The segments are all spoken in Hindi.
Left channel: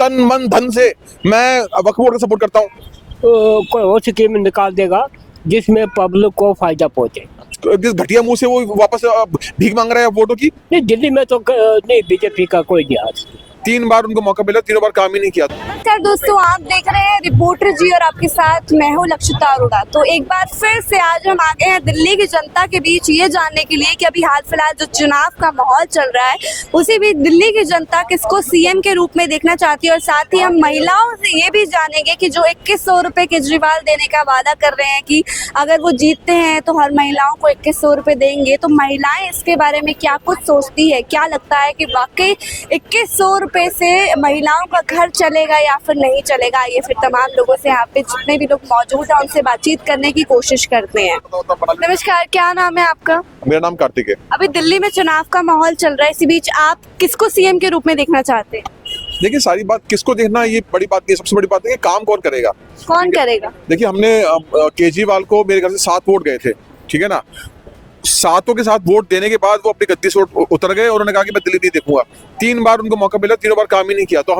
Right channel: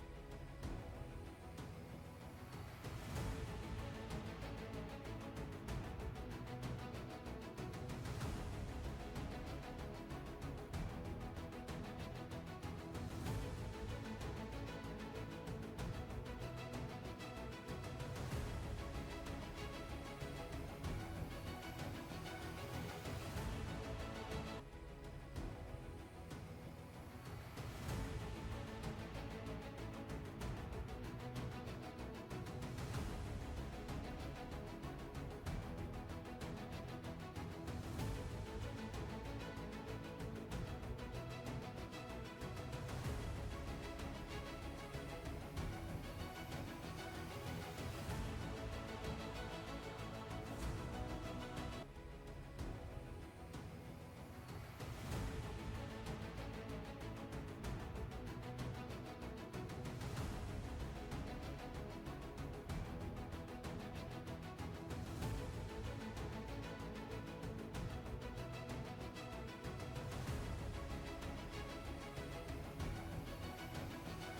तन मन धन से मैं वक्फ बोर्ड को सपोर्ट करता हूँ। कोई और स्कीम निकाल देगा जिसमें पब्लिक को फायदा पहुंचे। जिस घटिया मुंह से वो वापस भीख मांग रहा है वोटों की। नहीं, दिल्ली में तो नहीं, बीजेपी का कोई नहीं आज। 3 बार उनको मौका मिला, तीनों बार काम ही नहीं किया। नमस्कार दोस्तों, आप देख रहे हैं रिपोर्टर जी और आपके साथ मैं हूं लक्षिता अरोड़ा। तो एक बार फिर से आज हम आ गए हैं दिल्ली की जनता के बीच ये जानने के लिए कि अभी हाल फिलहाल जो चुनाव का माहौल चल रहा है उसी बीच दिल्ली की जनता किसको सीएम के रूप में देखना चाहती है। और साथ ही हम महिलाओं से ये भी जानेंगे कि जो 2100 रुपए केजरीवाल देने का वादा कर रहे हैं कि अगर वो जीतते हैं तो हर महिलाओं को 2100 रुपए देंगे, तो महिलाएं इसके बारे में क्या कुछ सोचती है, क्या लगता है कि वाकई 2100 रुपए से महिलाओं का घर चलेगा या फिर नहीं चलेगा। ये फिर तमाम लोगों से यहाँ पे जितने भी लोग मौजूद हैं उनसे बातचीत करने की कोशिश करते हैं। नमस्कार, क्या नाम है आपका? मेरा नाम कार्तिक है। अभी दिल्ली में चुनाव का माहौल चल रहा है, इसी बीच आप किसको सीएम के रूप में देखना चाहते हैं? देखिए, सारी बात किसको देखना ये बड़ी बात नहीं है, सबसे बड़ी बात है कि काम कौन करेगा। कौन करेगा? देखिए, हमने केजरीवाल को मेरे घर से 7 वोट गए थे, ठीक है ना। 7 के साथ वोट देने के बाद वो अपनी गद्दी से उतर गए और उन्होंने कहा कि मैं दिल्ली नहीं देखूंगा। 3 बार उनको मौका मिला, तीनों बार काम ही नहीं किया। तो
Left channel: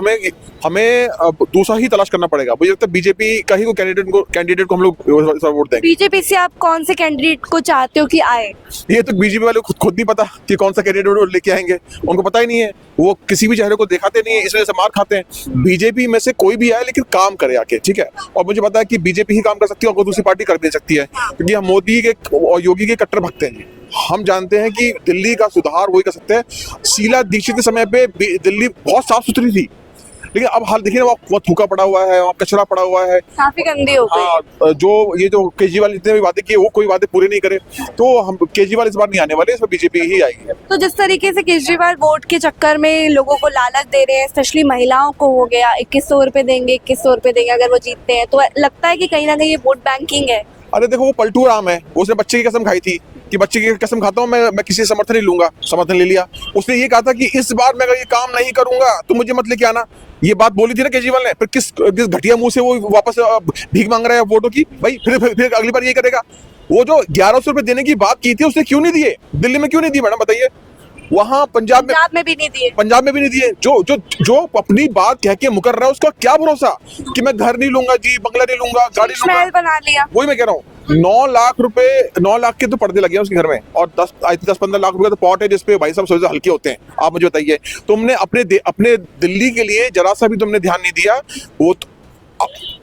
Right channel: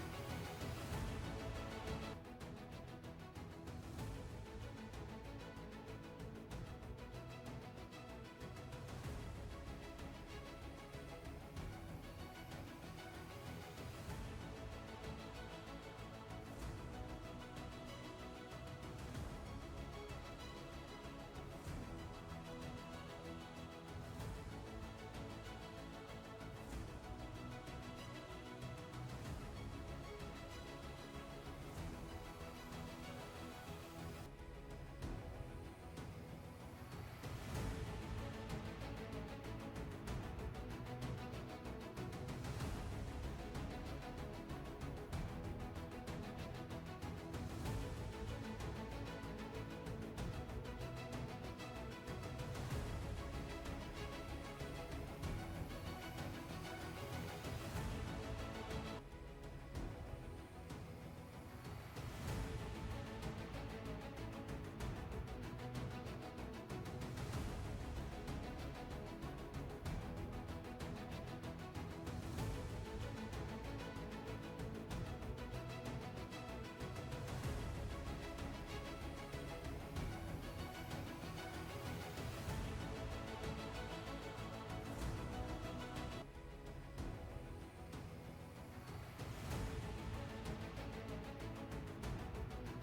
हमें दूसरा ही तलाश करना पड़ेगा। मुझे लगता है बीजेपी का ही कैंडिडेट को हम लोग वोट देंगे। बीजेपी से आप कौन से कैंडिडेट को चाहते हो कि आए? ये तो बीजेपी वाले खुद नहीं पता कि कौन सा कैंडिडेट लेके आएंगे, उनको पता ही नहीं है। वो किसी भी चेहरे को दिखाते नहीं है, इस वजह से मार खाते हैं। बीजेपी में से कोई भी आए लेकिन काम करे आके, ठीक है। और मुझे पता है कि बीजेपी ही काम कर सकती है और कोई दूसरी पार्टी कर भी सकती है, क्योंकि हम मोदी के और योगी के कट्टर भक्त हैं। हम जानते हैं कि दिल्ली का सुधार वही कर सकते हैं। शीला दीक्षित के समय पे दिल्ली बहुत साफ सुथरी थी, लेकिन अब हाल देखिए ना, वहाँ थूका पड़ा हुआ है, वहाँ कचरा पड़ा हुआ है, काफी गंदी हो गई। हाँ, जो केजरीवाल जितने भी वादे किए वो कोई वादे पूरे नहीं करे, तो हम केजरीवाल इस बार नहीं आने वाले, इस बार बीजेपी ही आएगी। तो जिस तरीके से केजरीवाल वोट के चक्कर में लोगों को लालच दे रहे हैं, स्पेशली महिलाओं को हो गया 2100 रुपए देंगे, 2100 रुपए देंगे अगर वो जीतते हैं, तो लगता है कि कहीं ना कहीं ये वोट बैंकिंग है। अरे देखो, वो पलटू राम है, उसने बच्चे की कसम खाई थी कि बच्चे की कसम खाता हूँ मैं किसी से समर्थन नहीं लूंगा, समर्थन ले लिया। उसने ये कहा था कि इस बार मैं अगर ये काम नहीं करूंगा तो मुझे मत लेके आना, ये बात बोली थी ना केजरीवाल ने। फिर किस घटिया मुंह से वो वापस भीख मांग रहा है वोटों की भाई। फिर अगली बार ये करेगा। वो जो 1100 रुपए देने की बात की थी उसने क्यों नहीं दिए? दिल्ली में क्यों नहीं दिए मैडम, बताइए। वहाँ पंजाब में भी नहीं दिए। पंजाब में भी नहीं दिए। जो अपनी बात कह के मुकर रहा है उसका क्या भरोसा कि मैं घर नहीं लूंगा जी, बंगला नहीं लूंगा, गाड़ी महल बना लिया। वही मैं कह रहा हूँ। 9 लाख रुपए, 9 लाख के तो पर्दे लगे हैं उसके घर में, और 10-15 लाख रुपए तो पॉट है जिसपे भाई साहब सोचे हल्के होते हैं। आप मुझे बताइए, तुमने अपने दिल्ली के लिए जरा सा भी तुमने ध्यान नहीं दिया। वो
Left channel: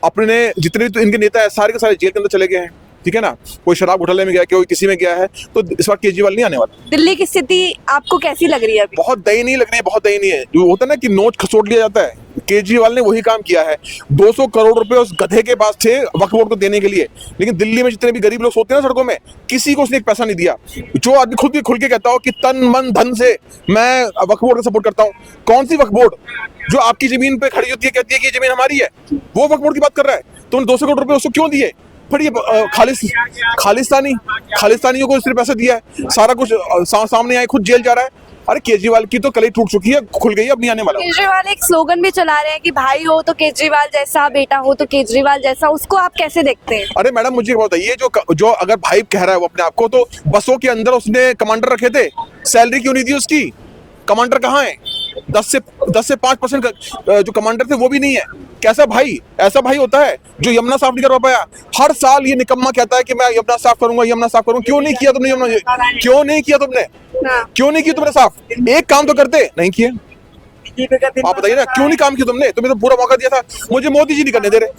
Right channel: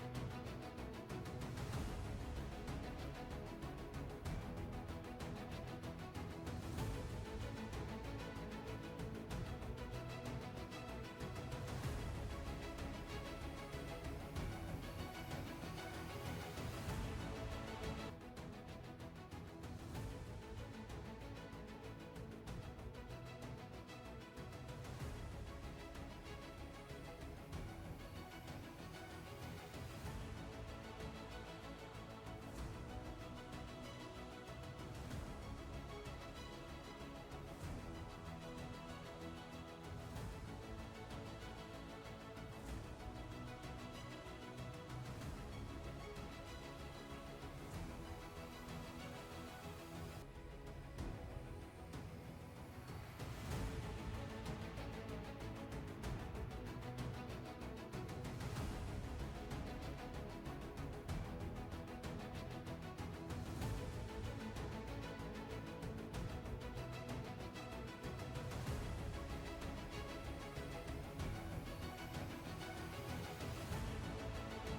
अपने जितने तो इनके नेता है सारे के सारे जेल के अंदर चले गए हैं, ठीक है ना। कोई शराब घोटाले में गया, कोई किसी में गया है, तो इस बार केजरीवाल नहीं आने वाला। दिल्ली की स्थिति आपको कैसी लग रही है अभी? बहुत दयनीय लग रही है, बहुत दयनीय है। जो होता है ना कि नोट खसोट लिया जाता है, केजरीवाल ने वही काम किया है। 200 करोड़ रुपए उस गधे के पास थे वक्फ बोर्ड को देने के लिए, लेकिन दिल्ली में जितने भी गरीब लोग सोते हैं ना सड़कों में, किसी को उसने एक पैसा नहीं दिया। जो आदमी खुद भी खुल के कहता हो कि तन मन धन से मैं वक्फ बोर्ड को सपोर्ट करता हूँ, कौन सी वक्फ बोर्ड जो आपकी जमीन पे खड़ी होती है, कहती है कि ये जमीन हमारी है, वो वक्फ बोर्ड की बात कर रहा है। तुमने 200 करोड़ रुपए उसको क्यों दिए? फिर ये खालिस्तानियों को सिर्फ पैसा दिया है, सारा कुछ सामने आए, खुद जेल जा रहा है। अरे केजरीवाल की तो कलई टूट चुकी है, खुल गई, अब नहीं आने वाला। केजरीवाल एक स्लोगन भी चला रहे हैं कि भाई हो तो केजरीवाल जैसा, बेटा हो तो केजरीवाल जैसा, उसको आप कैसे देखते हैं? अरे मैडम, मुझे बताइए, जो अगर भाई कह रहा है वो अपने आप को, तो बसों के अंदर उसने कमांडर रखे थे, सैलरी क्यों नहीं दी उसकी? कमांडर कहाँ है? 10 से 5% जो कमांडर थे वो भी नहीं है। कैसा भाई? ऐसा भाई होता है जो यमुना साफ नहीं करवा पाया। हर साल ये निकम्मा कहता है कि मैं यमुना साफ करूंगा, यमुना साफ करूंगा। क्यों नहीं किया तुमने यमुना? क्यों नहीं किया तुमने? क्यों नहीं किया तुमने साफ? एक काम तो करते नहीं किए। आप बताइए ना, क्यों नहीं काम किया तुमने? तुम्हें तो पूरा मौका दिया था। मुझे मोदी जी नहीं करने दे रहे।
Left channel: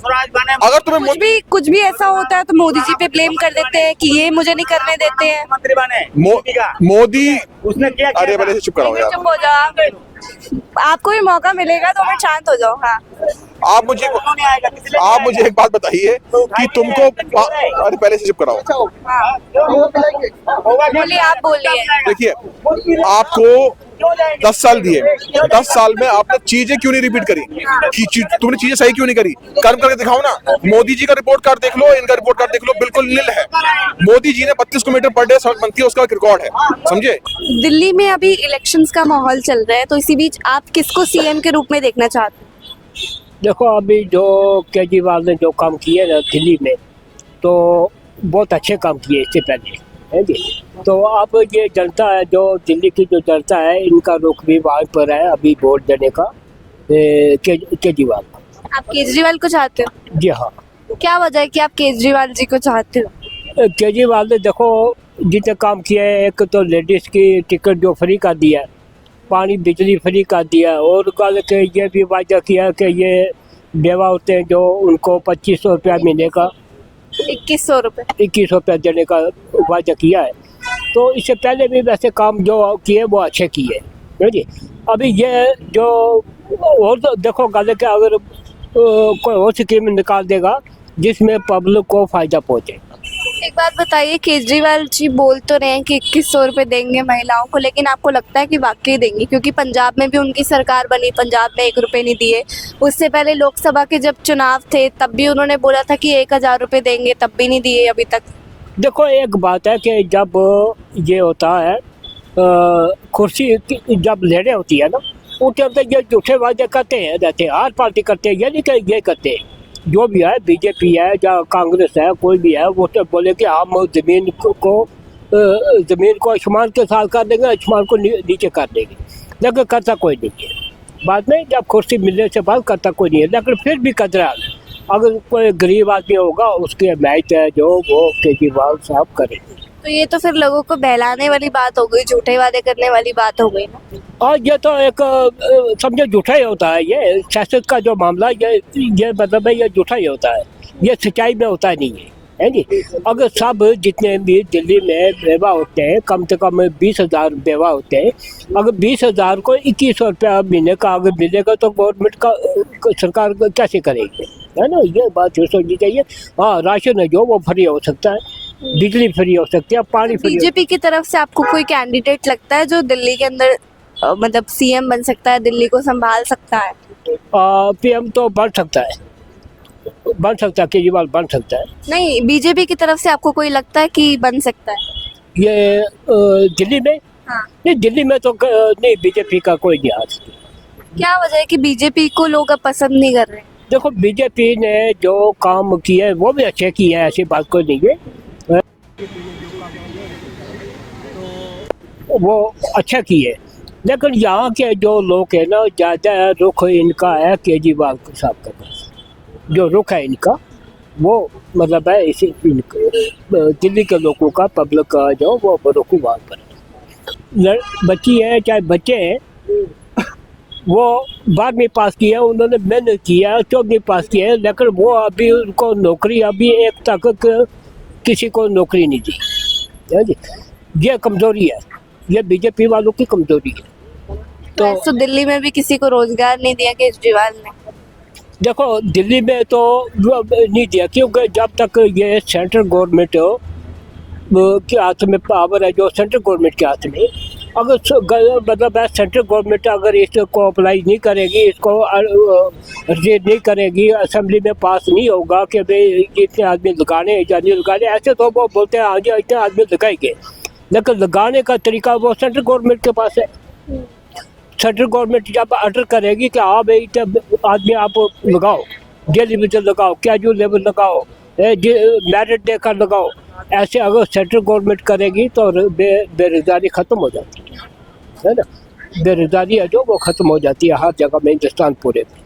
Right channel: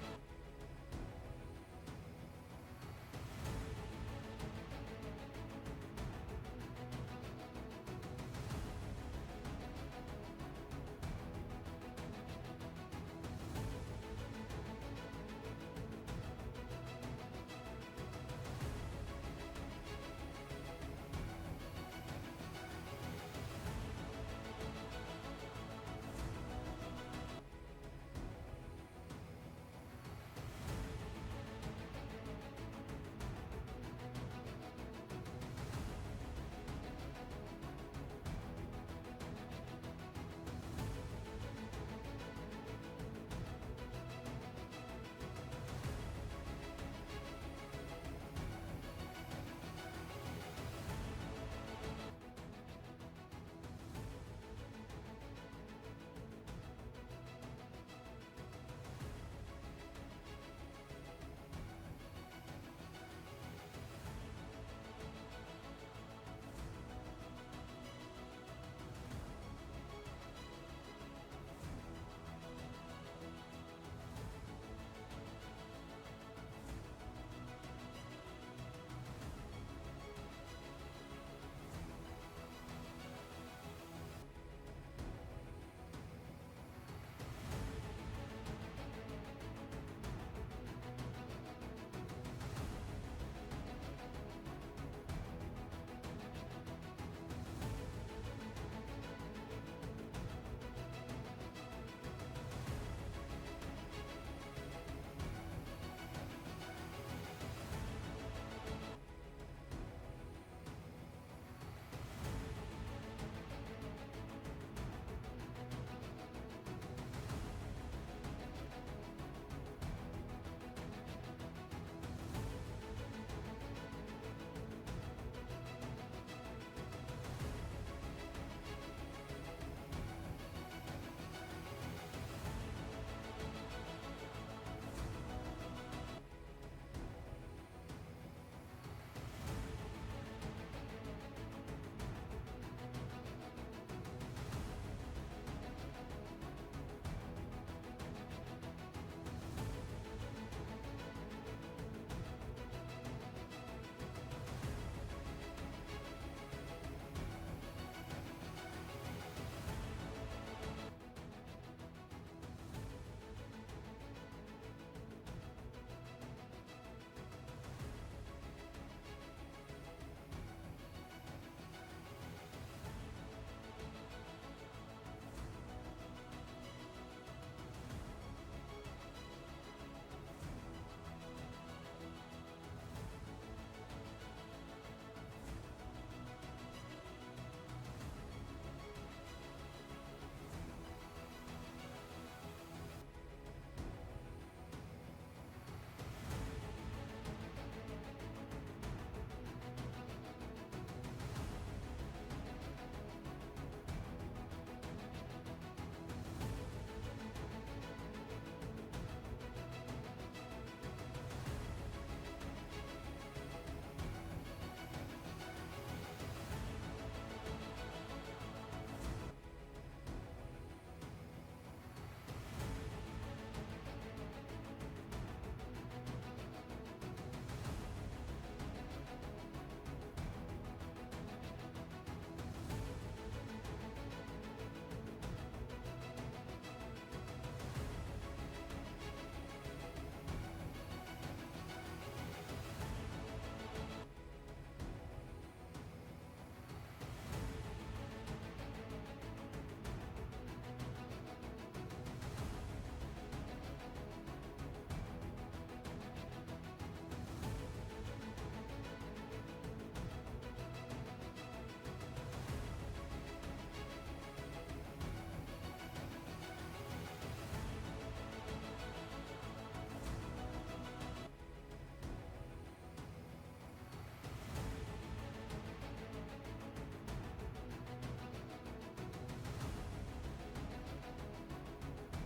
अगर तुम्हें कुछ भी ऐसा होता है तो मोदी जी पे ब्लेम कर देते हैं कि ये मुझे नहीं करने देते हैं। मंत्री बने मोदी उसने क्या? अरे भले चुप कराओ यार। चुप हो जाओ, आपको भी मौका मिलेगा तो हमें शांत हो जाओ। हाँ, आप मुझे एक बात बताइए कि तुमको, अरे पहले से चुप कराओ। बोलिए, आप बोलिए। देखिए, आपको 10 साल दिए, 10 साल में आपने चीजें क्यों नहीं रिपीट करी? तुमने चीजें सही क्यों नहीं करी? कर्म करके दिखाओ ना। मोदी जी का रिपोर्ट कार्ड देख लो, इनका रिपोर्ट कार्ड देख लो, बिल्कुल नील है। मोदी जी ने 32 किलोमीटर पर डे सड़क बनती है, उसका रिकॉर्ड है, समझे। दिल्ली में अभी इलेक्शंस का माहौल चल रहा है, तो इसी बीच आप किसको सीएम के रूप में देखना चाहते हैं? देखो, अभी जो केजरीवाल ने जो काम किए ना दिल्ली में, तो बहुत अच्छे काम किए इससे पहले, है जी। तो अब ये जनता है, जो दिल्ली की जो जनता है, इनका रुख भी वहाँ पर है अभी वोट देने का। केजरीवाल को। आप केजरीवाल को चाहते हो? जी हाँ। क्या वजह है कि आप केजरीवाल जी को चाहते हो? केजरीवाल ने देखो जितने काम किए हैं, एक तो लेडीज़ की टिकट जो फ्री कर दिया है, पानी बिजली फ्री कर दिया है, और कल के ये भी वादा किया कि ये बेवा होते हैं जो उनको 2500 रुपया महीने का 2100 रुपये। 21 रुपया देने का वादा किया है। तो इससे पहले भी वैसे काम जो किए वो अच्छे किए, है जी। अभी ये जो और तो देखो गल के अगर कोई और स्कीम निकाल देगा जिसमें पब्लिक को फ़ायदा पहुँचे। एक बात बताइए, केजरीवाल जी बोल तो रहे हैं कि 2100 रुपये देंगे महिलाओं को, लेकिन आपको लगता है कि वाकई देंगे? क्योंकि पंजाब में भी उनकी सरकार बनी, पंजाब में 1 रुपये नहीं दिए। उससे पहले लोकसभा के जब चुनाव थे तब भी उन्होंने बोला था कि 1000 रुपये देंगे, तब भी नहीं दिए अभी तक। देखो एक बात है कि जब ये होता है कुर्सी जब लड़े होती है ना, उनके अंदर ये झूठे वादे करते हैं, रहते हैं, हर पार्टी करते हैं, ये नहीं कि ये करते हैं। जो भी है, बीजेपी है या कांग्रेस है, कोई भी है, वो तो बोले कि हम ज़मीन को आसमान के साथ कर देंगे, आसमान को नीचे कर देंगे, लेकिन करता कोई नहीं है। बाद में जब कुर्सी मिलने से बाद करता कोई नहीं है, लेकिन फिर भी कतरा अगर कोई गरीब आदमी होगा उसके मैच है जो वो केजरीवाल साहब करेंगे। तो ये तो फिर लोगों को बहलाने वाली बात हो गई, झूठे वादे करने वाली बात हो गई ना। और ये तो एक समझो झूठा ही होता है, ये सियासत का जो मामला ये मतलब है ये झूठा ही होता है, ये सच्चाई में होता नहीं है जी। अगर सब जितने भी दिल्ली में बेवा होते हैं, कम से कम 20,000 बेवा होते हैं, अगर 20,000 को 2100 रुपया महीने का अगर मिलेगा तो गवर्नमेंट का सरकार कैसे करेगी, है ना। ये बात सोचनी चाहिए। हाँ, राशन है जो वो फ्री हो सकता है, बिजली फ्री हो सकती है, पानी फ्री। बीजेपी की तरफ से आपको कोई कैंडिडेट लगता है जो दिल्ली के अंदर मतलब सीएम बन सकता है, दिल्ली को संभाल सकता है? पीएम तो बन सकता है, केजरीवाल बन सकता है। नहीं, बीजेपी की तरफ से आपको कोई लगता है कि बन सकता है? ये दिल्ली में? हाँ। नहीं, दिल्ली में तो नहीं, बीजेपी का कोई नहीं आ सकता। क्या वजह है कि बीजेपी को लोग अब पसंद नहीं कर रहे? देखो बीजेपी ने जो काम किए वो भी अच्छे किए हैं, ऐसी बात कोई नहीं है, वो अच्छा किए, लेकिन यहाँ के जो लोग हैं ना, ज़्यादा रुख इनका है केजरीवाल साहब का, जो रुख है इनका वो मतलब है इसी दिल्ली के लोगों का, पब्लिक का जो वो रुखवाद पर बच्ची है चाहे बच्चे हैं, वो 12वीं पास किया, उन्होंने मेहनत किया, 14वीं पास किया है, लेकिन वो अभी उनको नौकरी अभी एक तक किसी को नौकरी नहीं दी, है जी। ये कमज़ोरी है, ये बीजेपी वालों की कमज़ोरी है। तो दिल्ली में भी किसी को रोजगार नहीं दिया केजरीवाल ने? देखो दिल्ली में तो नहीं दिया, क्योंकि जब तक ये सेंट्रल गवर्नमेंट के हाथ में पावर है, जो सेंट्रल गवर्नमेंट के हाथ में, अगर मतलब है सेंट्रल गवर्नमेंट अगर इसको अप्लाई नहीं करेगी, इसको रिजेक्ट नहीं करेगी, असेंबली में पास नहीं होगा कि भाई इतने आदमी लगाने या नहीं लगाने, ऐसे तो वो बोलते हैं हाँ जी इतने आदमी लगाएंगे, लेकिन लगाने का तरीका वो सेंट्रल गवर्नमेंट के पास है। सेंट्रल गवर्नमेंट जब ऑर्डर करेगी कि हाँ भाई आदमी आप लगाओ, डेली वेज लगाओ, कैजुअल लेवल लगाओ, मेरिट देकर लगाओ, ऐसे अगर सेंट्रल गवर्नमेंट करेगी तो बेरोजगारी ख़त्म हो जाती है ना। बेरोजगारी है जो वो ख़त्म हो जाती है हर जगह में, हिंदुस्तान पूरे में।